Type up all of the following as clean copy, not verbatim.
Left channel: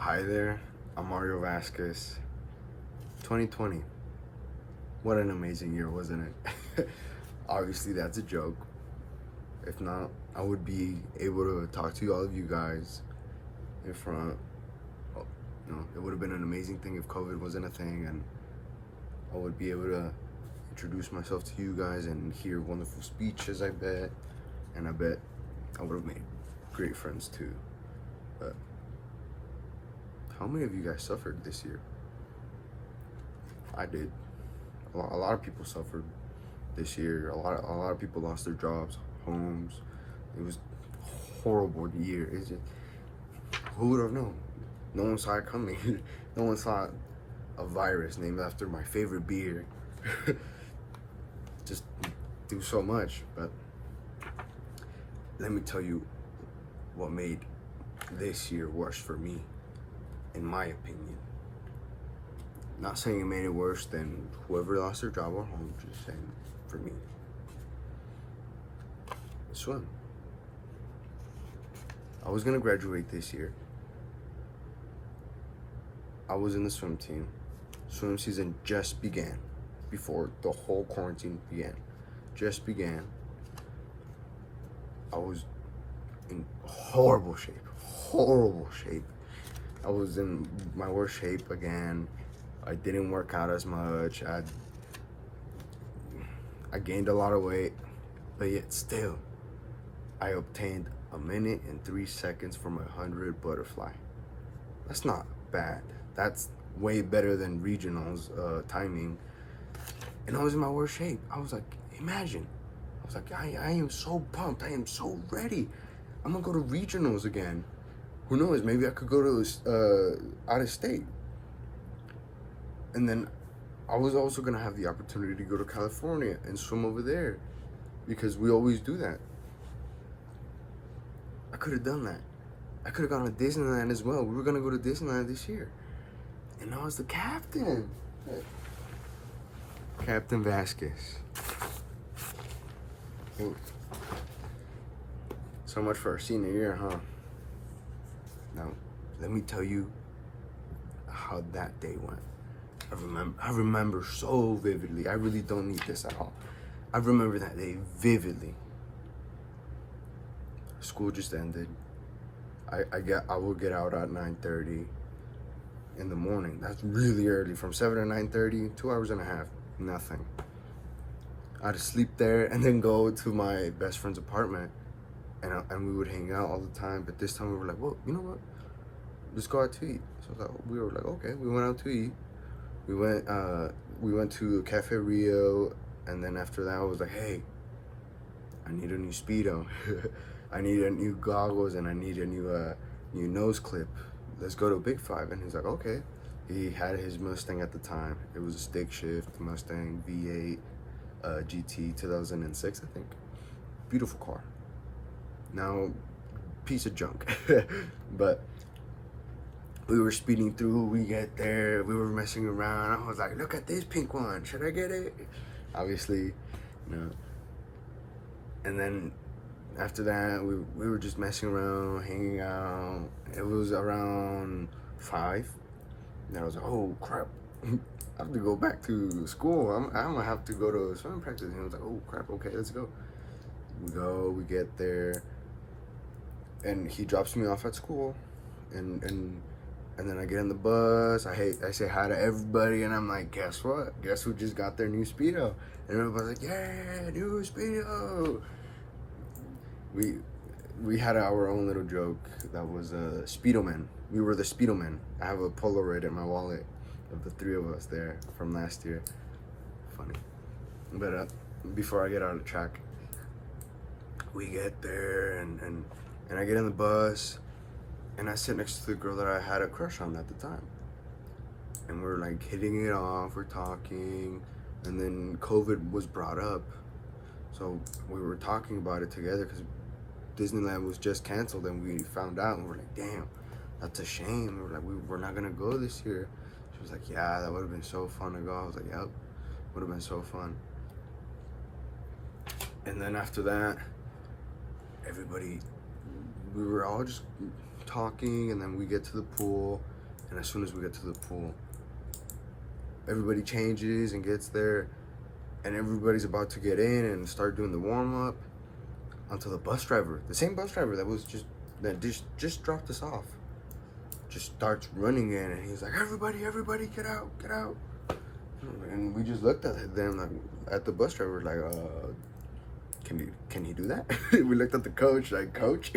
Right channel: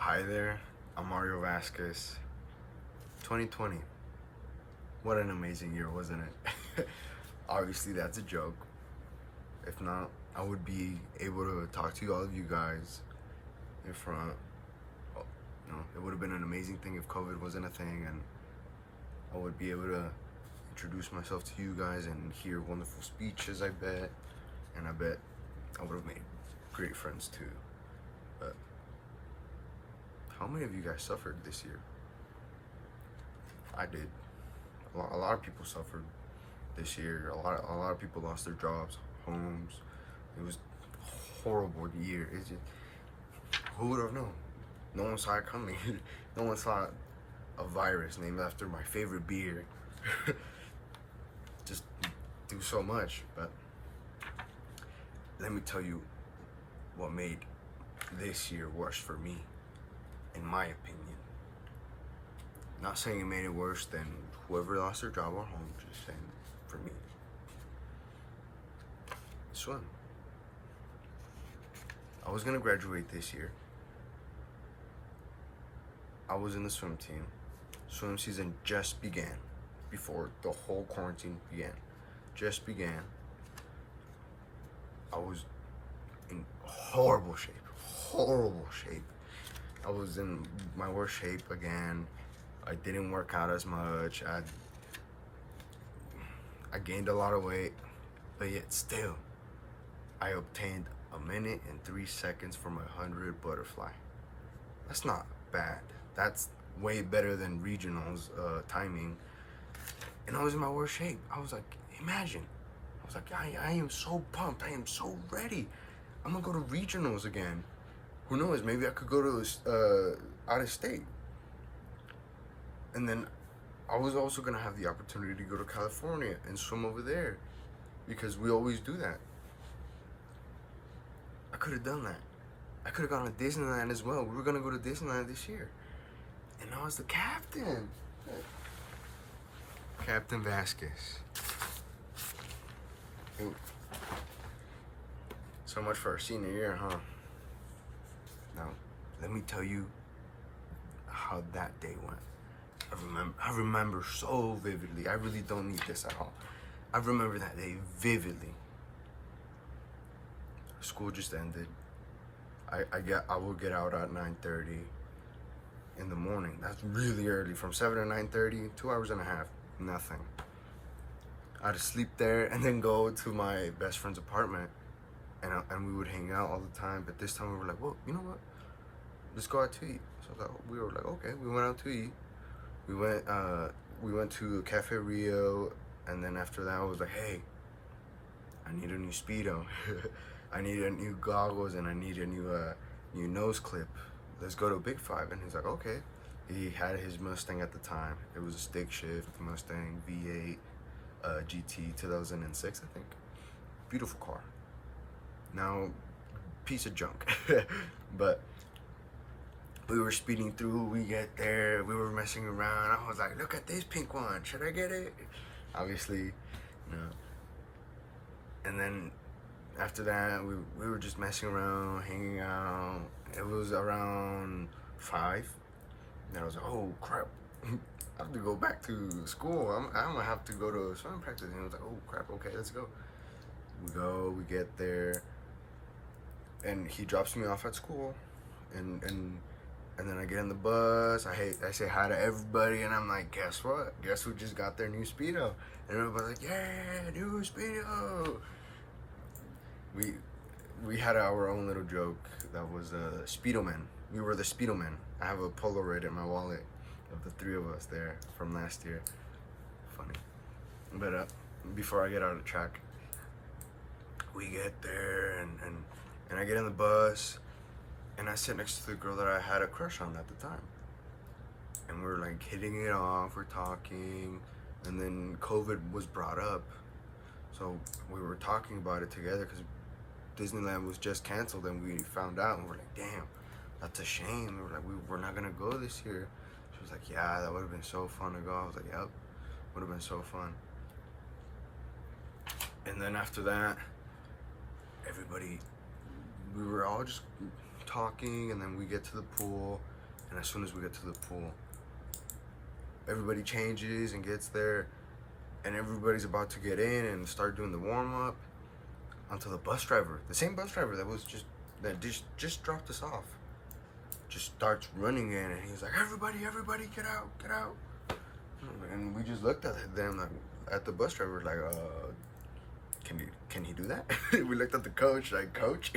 Hi there, I'm Mario Vasquez. 2020. What an amazing year, wasn't it? Obviously, that's a joke. If not, I would be able to talk to all of you guys in front. Oh, it would have been an amazing thing if COVID wasn't a thing, and I would be able to introduce myself to you guys and hear wonderful speeches, I bet. And I bet I would have made great friends too. But how many of you guys suffered this year? I did. A lot of people suffered this year. A lot of people lost their jobs, homes. It was a horrible year. Who would have known? No one saw it coming. No one saw a virus named after my favorite beer just do so much. But let me tell you what made this year worse for me, in my opinion. Not saying it made it worse than whoever lost their job or home, just saying for me. Swim. I was gonna graduate this year. I was in the swim team. Swim season just began before the whole quarantine began. Just began. I was in horrible shape. Horrible shape. I was in my worst shape again. I didn't work out as much. I gained a lot of weight, but yet still, I obtained 1 minute and 3 seconds from 100 butterfly. That's not bad. That's way better than regionals timing. And I was in my worst shape. I was like, imagine. I was like, I am so pumped. I am so ready. I'm gonna go to regionals again. Who knows? Maybe I could go to out of state. And then I was also gonna have the opportunity to go to California and swim over there, because we always do that. I could have done that. I could have gone to Disneyland as well. We were gonna go to Disneyland this year. And I was the captain. Captain Vasquez. Ooh. So much for our senior year, huh? Now, let me tell you how that day went. I remember so vividly. I really don't need this at all. I remember that day vividly. School just ended. I will get out at 9:30 in the morning. That's really early. From 7 to 9:30, 2 hours and a half, nothing. I had to sleep there and then go to my best friend's apartment, and we would hang out all the time. But this time we were like, well, you know what? Let's go out to eat. So we were like, okay. We went out to eat. We went to Cafe Rio, and then after that I was like, hey, I need a new Speedo. I need a new goggles, and I need a new nose clip. Let's go to Big Five. And he's like, okay. He had his Mustang at the time. It was a stick shift Mustang V8 GT 2006, I think. Beautiful car. Now, piece of junk. But we were speeding through, we get there, we were messing around. I was like, look at this pink one, should I get it? Obviously, no. And then after that, we were just messing around, hanging out. It was around 5. And I was like, oh crap, I have to go back to school. I'm gonna have to go to swimming practice. And he was like, oh crap, okay, let's go. We get there, and he drops me off at school, and then I get in the bus. I say hi to everybody, and I'm like, guess what? Guess who just got their new Speedo? And everybody's like, yeah, new Speedo. We had our own little joke that was Speedo Man. We were the Speedo Man. I have a Polaroid in my wallet of the 3 of us there from last year. Funny. But before I get out of track, we get there, and I get in the bus. And I sit next to the girl that I had a crush on at the time. And we're like hitting it off, we're talking, and then COVID was brought up. So we were talking about it together because Disneyland was just canceled, and we found out, and we're like, damn, that's a shame. We were like, we're not gonna go this year. She was like, yeah, that would have been so fun to go. I was like, yep, would have been so fun. And then after that, we were all just talking, and then we get to the pool. And as soon as we get to the pool, everybody changes and gets there, and everybody's about to get in and start doing the warm-up until the bus driver, the same bus driver that just dropped us off, just starts running in, and he's like, everybody get out. And we just looked at them, like, at the bus driver, like, can he do that? We looked at the coach, like, coach,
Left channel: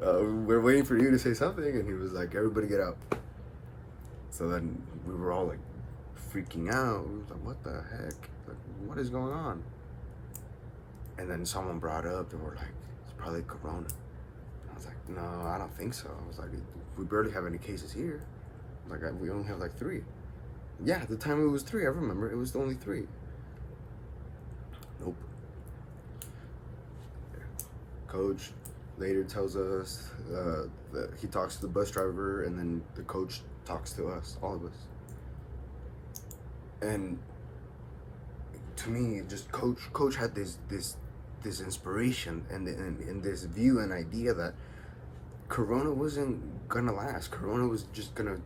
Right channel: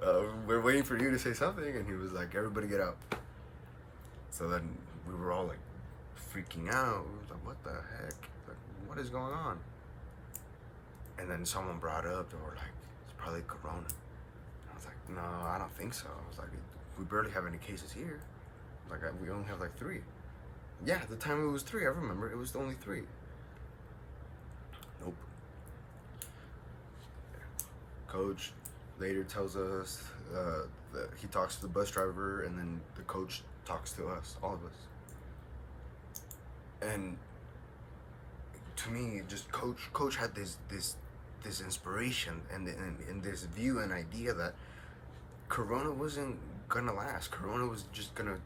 we're waiting for you to say something. And he was like, everybody get out. So then we were all like freaking out. We were like, what the heck? Like, what is going on? And then someone brought up, they were like, it's probably Corona. I was like, no, I don't think so. I was like, we barely have any cases here. Like, we only have like 3. Yeah, at the time it was 3. I remember it was only 3. Nope. Coach later tells us that he talks to the bus driver, and then the coach talks to us, all of us. And to me, just coach had this inspiration and this view and idea that Corona wasn't gonna last. Corona was just gonna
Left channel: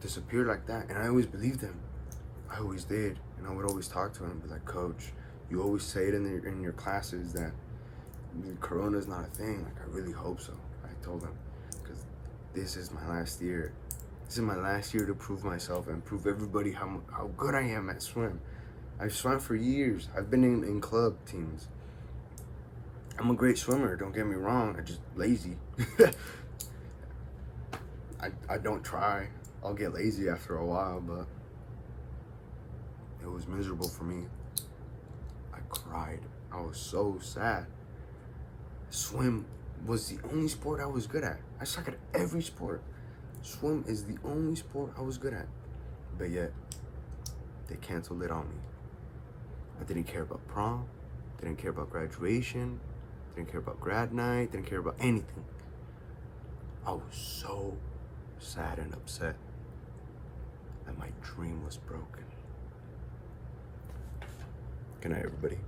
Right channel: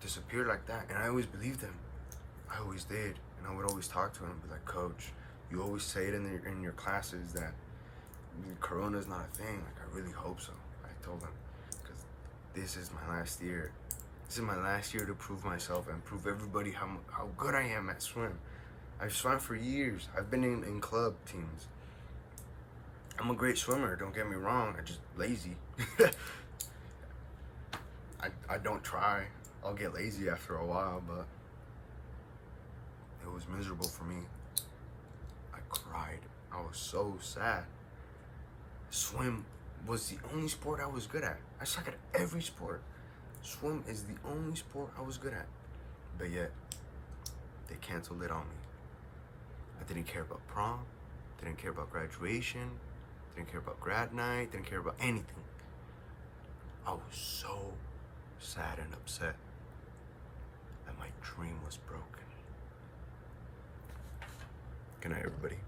disappear like that. And I always believed him. I always did. And I would always talk to him and be like, Coach, you always say it in your classes that Corona is not a thing. Like, I really hope so. I told him, because this is my last year. This is my last year to prove myself and prove everybody how good I am at swim. I've swam for years. I've been in club teams. I'm a great swimmer, don't get me wrong. I'm just lazy. I don't try. I'll get lazy after a while, but it was miserable for me. I cried. I was so sad. Swim was the only sport I was good at. I suck at every sport. Swim is the only sport I was good at. But yet, they canceled it on me. I didn't care about prom, didn't care about graduation, didn't care about grad night, didn't care about anything. I was so sad and upset that my dream was broken. Good night, everybody.